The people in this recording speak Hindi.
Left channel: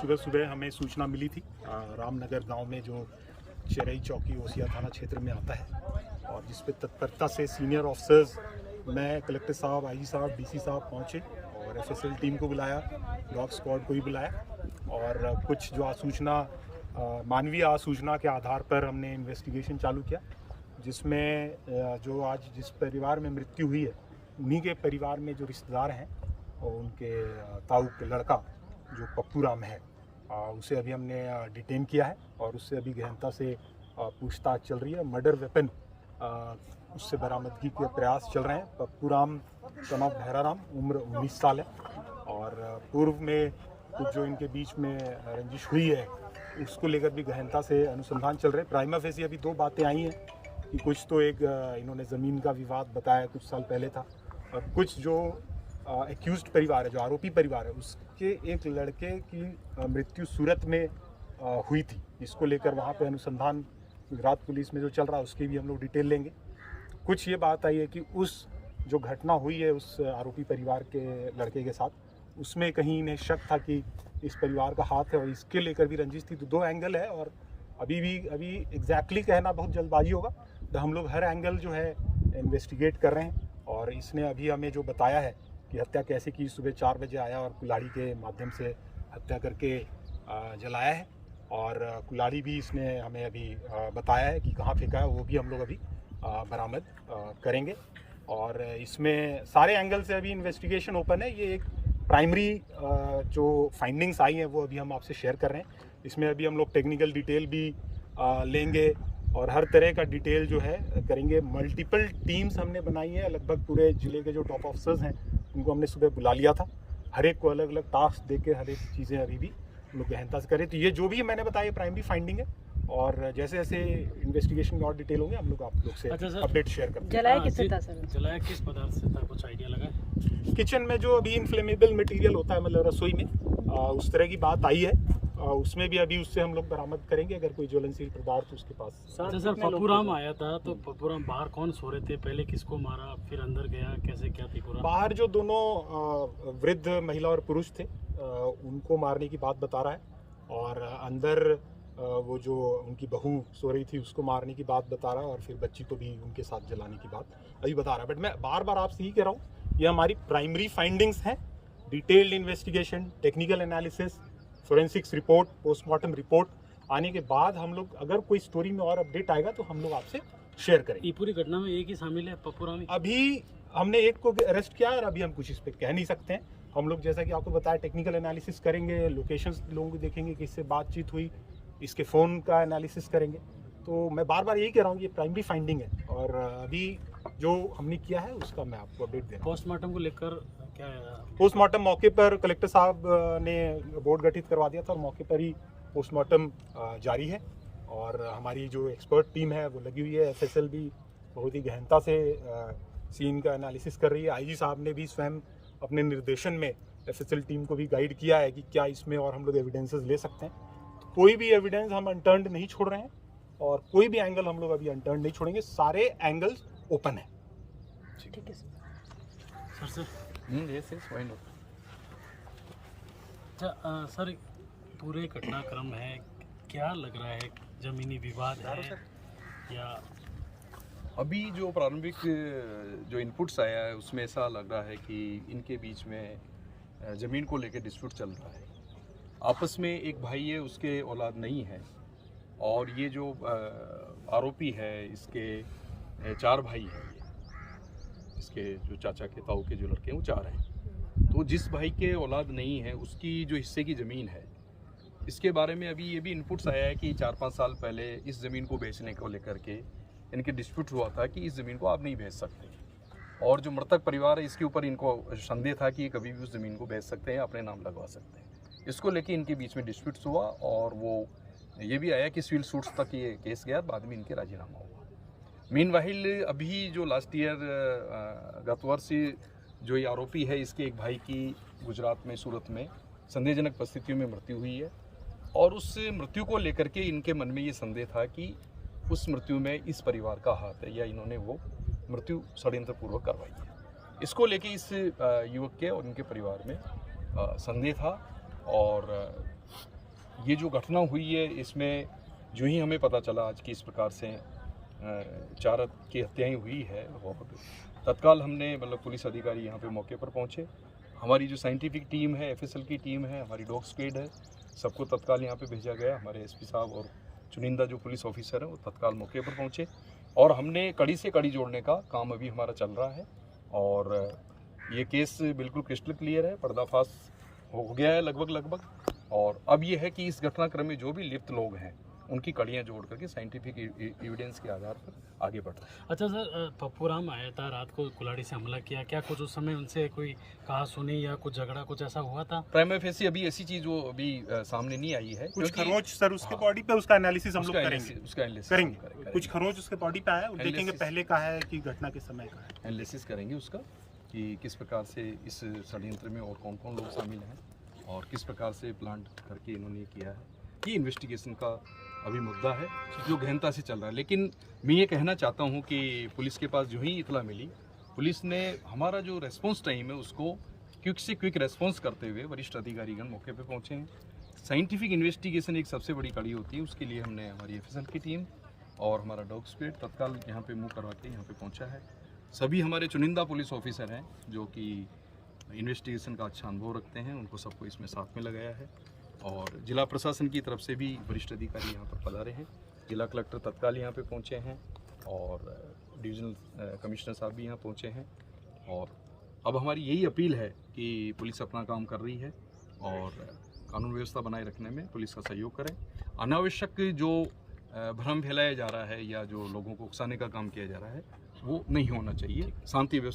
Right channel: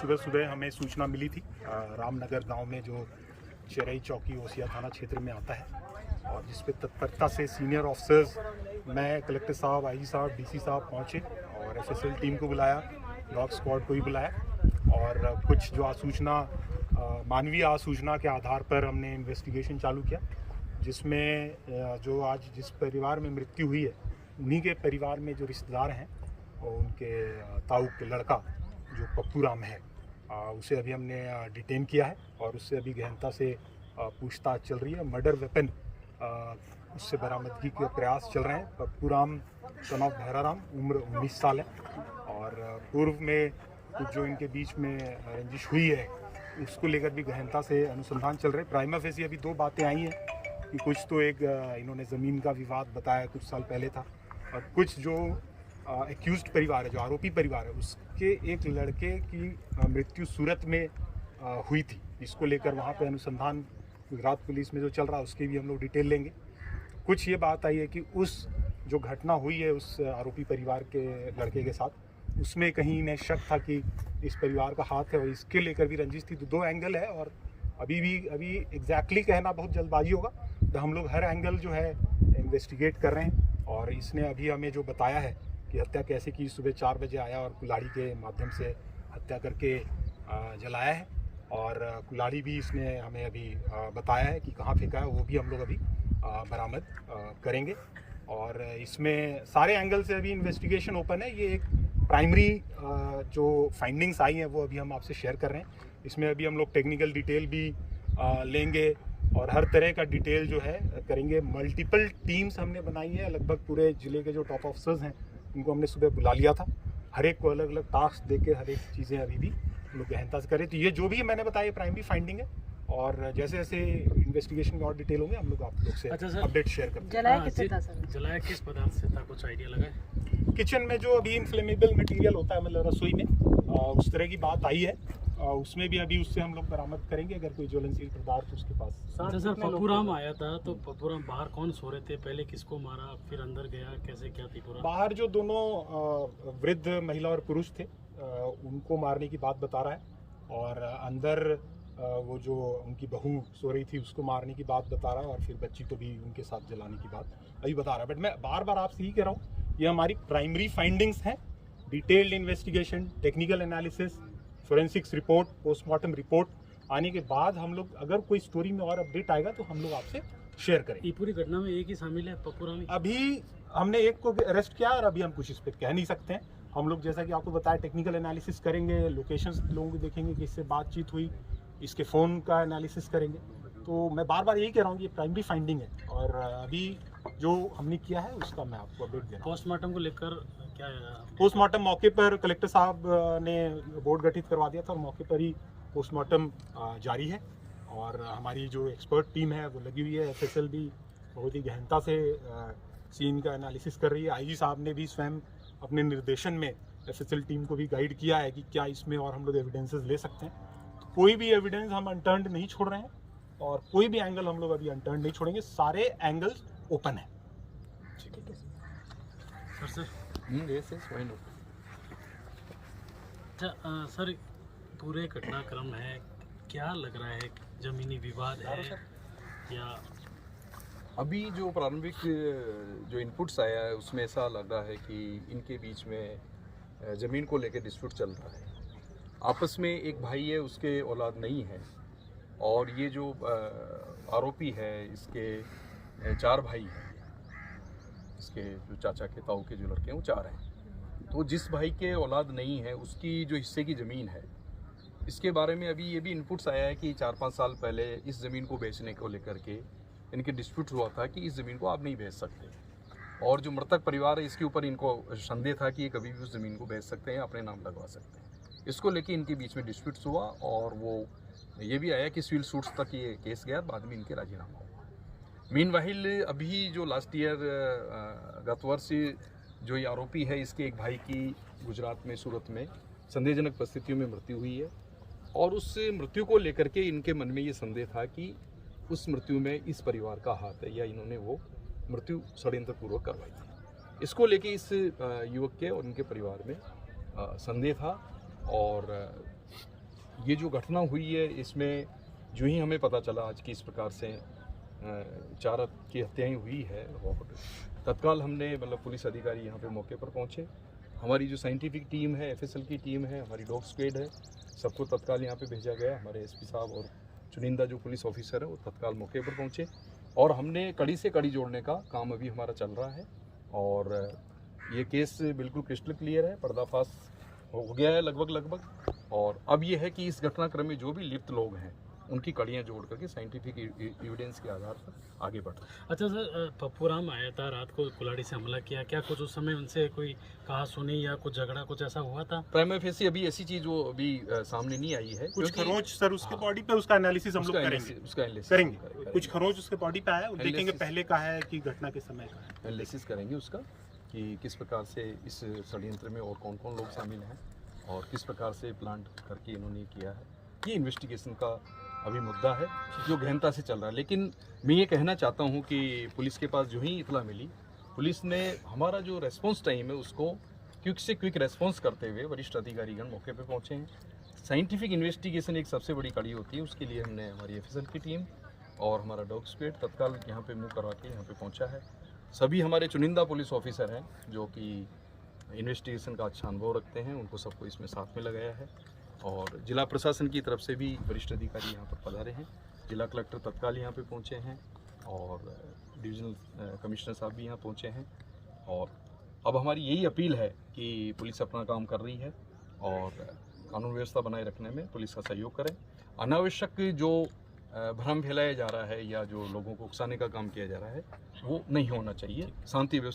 सुबह सुबह हमें सूचना मिली थी रामनगर गांव में जो चेरई चौकी ओसिया थाना क्षेत्र में आता है, और जिस पे तत्परता से सीनियर ऑफिसर्स, मैं, कलेक्टर साहब, आईजी साहब, डीसी साहब पहुंचे और एफएसएल टीम को बुलाया, डॉग स्क्वाड को भी बुलाया और कुछ जो आसूचना मानवीय आसूचना के आधार पर हमने इन्वेस्टिगेशन चालू किया, जिसमें जो आज जिस परिवार में मृत्यु हुई है उन्हीं के परिवार में जो रिश्तेदार हैं और उनके ताऊ के लड़का जो पप्पू राम है, उसे अभी हमने डिटेन किया है और उससे अभी गहनता से पूछताछ चल रही है। मर्डर वेपन उससे बरामदगी के प्रयास चल रहे हैं। पप्पू राम सन ऑफ भैरा राम, उम्र 19 साल है और पूर्व में कुछ जो इनके बीच में रंजिश हुई है उसको लेकर भी गहनता से अनुसंधान चल रहे हैं। प्राइमा फेसी अभी दो बातें आई हैं कि कुछ तो एक इन्होंने ज़मीन का विवाद बताया कुछ साल पहले था, और कुछ जो एक्यूज्ड परिवार है, जो आरोपी परिवार है, उसके एक लड़के की मृत्यु सूरत में हुई थी, इसको लेकर वहाँ पे अनुसंधान गुजरात पुलिस में जो चल रहा है उसकी भी हम लोग डिटेल लेंगे। कुछ ये बात आई है कि उस जो घटना हुई है उस आरोपी परिवार के लड़के के साथ, उसमें कहीं इन्हें शक था कि इस परिवार का हाथ है और इसके लेकर भी रंजिश थी। तो दो एंगल है और अभी एग्जैक्टली कहना बहुत जल्दबाजी होगा, तो हम लोग हर एंगल जो है इन्वेस्टिगेट कर रहे हैं। और इसने अभी हमें जो बताया है कि हत्या कैसे की, सुबह 4 बजे आया और कुल्हाड़ी के माध्यम से हत्या करके जलाया है, और कुल्हाड़ी भी इसने हमें अभी बताया है कि कहाँ फेंका है, वो भी हम लोग अभी बरामद करेंगे। और इसमें सारे एंगल से अभी इन्वेस्टिगेशन ओपन है। ये एक प्राइमरी जो फाइंडिंग्स आई हैं वो अभी हम आपसे शेयर कर रहे हैं। इसमें अभी हम लोग टेक्निकल डिटेल भी लेंगे और हर तरह का डिटेल जो है करेंगे। मल्टीपल टीम्स हमने बनाई है, लगभग पूरे ज़िले के जो टॉप ऑफिसर्स हैं उनको हमने सुबह बुला लिया था। हर एक को अलग अलग टास्क दे के हर एक चीज़ें अभी भी हम लोग गहनता से करें। तो ये जो भी मैंने बताया प्राइमरी फाइंडिंग है, और जैसे जैसे इन्वेस्टिगेशन में और डिटेल होंगे हम लोग आप लोग से अपडेट शेयर करते हैं। जलाया किससे था सर? जलाया किस पदार्थ से था, कुछ आइडिया लगा है? किचन में जो अभी इन्फ्लेमेबल मटेरियल होता है, मतलब रसोई में, उस तरह की बात आई है। उसमें भी अभी उससे हम लोग बरामद करेंगे अगर कोई ज्वलनशील पदार्थ उसके पास। सर पप्पू राम आया था, तो पप्पू राम बाहर कौन सो रहे थे, पहले किसको मारा, फिर अंदर गया, कैसे क्या थी पूरा? बाहर जो दोनों वृद्ध महिला और पुरुष थे उनको मारने की बात बता रहा है, और अंदर वो जो उनकी बहू सो रही थी उसको मारने की बात बता रहा है, और फिर बच्ची को भी उनके साथ जलाने की बात अभी बता रहा है। बट मैं बार बार आपसे यही कह रहा हूँ, ये हमारी प्राइमरी फाइंडिंग्स हैं। Detailed investigation, technical analysis, forensics report, postmortem report आने के बाद हम लोग अगर कोई स्टोरी में और अपडेट आएगा तो हम लोग आपसे शेयर करेंगे। ये पूरी घटना में एक ही शामिल है, पप्पू राम? अभी हमने एक को अरेस्ट किया और अभी हम कुछ इस पर कह नहीं सकते हैं। हम लोग जैसा कि आपको बताया टेक्निकल एनालिसिस करेंगे, लोकेशंस लोगों को देखेंगे कि इससे बातचीत हुई, इसके फ़ोन का एनालिसिस करेंगे। तो मैं बार बार यही कह रहा हूँ कि ये प्राइमरी फाइंडिंग है, और अभी जो हमने किया है उसका मैं आपको अपडेट दे रहा हूँ। पोस्टमार्टम को लेकर क्या है? पोस्टमार्टम मौके पर कलेक्टर साहब ने बोर्ड गठित करवा दिया था और मौके पर ही पोस्टमार्टम जारी है, और हमारी जो एक्सपर्ट टीम है वो लगी हुई है। एफएसएल भी बहुत ही गहनता से सीन का एनालिसिस कर रही है। आईजी साहब ने भी स्वयं अपने निर्देशन में एफएसएल टीम को भी गाइड किया है कि क्या इसमें और हम लोग एविडेंसेस ले सकते हैं। तो कोई भी एविडेंस हम अनटर्न्ड नहीं छोड़ रहे हैं, और कोई भी एंगल हम लोग अभी अनटर्न्ड नहीं छोड़ेंगे। सारे एंगल्स ओपन है। ठीक है सर। yes, why not? अच्छा सर, पूरे घटनाक्रम है, क्या लग रहा है, जमीनी विवाद है या? अभी जो प्रारंभिक जो इनपुट्स आया है उसमें ऐसा लग रहा है कि इनके बीच में ज़मीन को लेकर डिस्प्यूट चल रहा है। आपस में एक भाई है, उसके औलाद नहीं है, और ये जो आरोपी है इसके 4 भाई हैं। इसके जो चाचा के ताऊ के जो लड़के हैं वो 4 हैं। तो जिस भाई के औलाद नहीं है उसकी जो हिस्से की ज़मीन है, इसके बारे में अभी ये भी इनपुट्स आया है कि 4-5 साल पहले इस ज़मीन को बेचने को लेकर के इनके डिस्प्यूट हुआ था कि इस ज़मीन को आप नहीं बेच सकते, और जो मृतक परिवार है इसके ऊपर इनको संदेह था कि ये कभी भी उस ज़मीन को बेच सकते हैं, अपने नाम लगवा सकते हैं। इसको लेके इनके बीच में डिस्प्यूट्स हुआ, और वो ये भी आया कि सिविल सूट्स तक ये केस गया, बाद में इनके राजीनामा हुआ। मीनवाइल अभी जो लास्ट ईयर गत वर्ष जो ये आरोपी है, इसके एक भाई की गुजरात में सूरत में संदेहजनक परिस्थितियों में मृत्यु हुई है, और उस मृत्यु को लेकर के इनके मन में ये संदेह था कि उस मृत्यु में इस परिवार का हाथ है, या इन्होंने वो मृत्यु षड्यंत्रपूर्वक करवाई है। इसको लेके इस युवक के और इनके परिवार में संदेह था, और ये जो घटना हुई है इसमें जो ही हमें पता चला आज कि इस प्रकार से 4 की हत्याएं हुई है, और तत्काल हमने मतलब पुलिस अधिकारी यहाँ पे मौके पर पहुँचे। हमारी जो साइंटिफिक टीम है, FSL की टीम है, हमारी डॉग स्क्वाड है, सबको तत्काल यहाँ पे भेजा गया। हमारे SP साहब और चुनिंदा जो पुलिस ऑफिसर है वो तत्काल मौके पर पहुँचे, और हमने कड़ी से कड़ी जोड़ने का काम अभी हमारा चल रहा है। और ये केस बिल्कुल क्रिस्टल क्लियर है, पर्दाफाश हो गया है लगभग। और अब ये है कि इस घटनाक्रम में जो भी लिप्त लोग हैं उनकी कड़ियाँ जोड़ करके साइंटिफिक एविडेंस के आधार पर आगे बढ़ रहे हैं। अच्छा सर, पप्पूराम आया था रात को, कुल्हाड़ी से हमला किया, क्या कुछ उस समय उनसे कोई कहा सुनी या कुछ झगड़ा कुछ ऐसा हुआ था? प्राइमा फेसी अभी ऐसी चीज वो अभी सामने नहीं आई है। कुछ क्योंकि- खरोच सर उसके हाँ। बॉडी पे, उसका एनालिसिस हम लोग उसका करेंगे। एनालिसिस करेंगे। कुछ खरोच उसके बॉडी पे आया, वो देखेंगे Analysis- पहले का है कि घटना के समय का है। एनालिसिस करेंगे उसका कि किस प्रकार से इस षड्यंत्र में और कौन कौन लोग शामिल हैं और किस प्रकार से प्लान करके इन्होंने किया है। ये इन्वेस्टिगेशन का अभी मुद्दा है जो गहनता से चल रहा है। लेकिन मैं ये कहना चाहता हूँ कि पुलिस के पास जो ही इतला मिली, पुलिस ने हमारा जो रेस्पॉन्स टाइम है उसको क्विक से क्विक रेस्पॉन्स करते हुए वरिष्ठ अधिकारीगण मौके पे पहुँचे हैं। साइंटिफिक इन्वेस्टिगेशन एक सबसे बड़ी कड़ी होती है, उसके लिए हमने हमारी FSL की टीम और हमारा डॉग स्क्वाड तत्काल यहाँ पे मूव करवा के यहाँ पे पहुँचा है। सभी हमारे चुनिंदा पुलिस ऑफिसर हैं जो कि इन्वेस्टिगेशन का अच्छा अनुभव रखते हैं, उनको सबको इसमें साथ में लगाया है। और जिला प्रशासन की तरफ से भी वरिष्ठ अधिकारी यहाँ पर पधारे हैं। जिला कलेक्टर तत्काल यहाँ पे पहुँचे हैं और डिविजनल कमिश्नर साहब भी यहाँ पहुँचे हैं। और अब हमारी यही अपील है कि पुलिस अपना काम कर रही है और कानून व्यवस्था बनाए रखने में पुलिस का सहयोग करें। अनावश्यक जो भ्रम फैलाया जा रहा है या जो लोगों को उकसाने का काम किया जा रहा है वो नहीं होना चाहिए। शांति व्यवस्था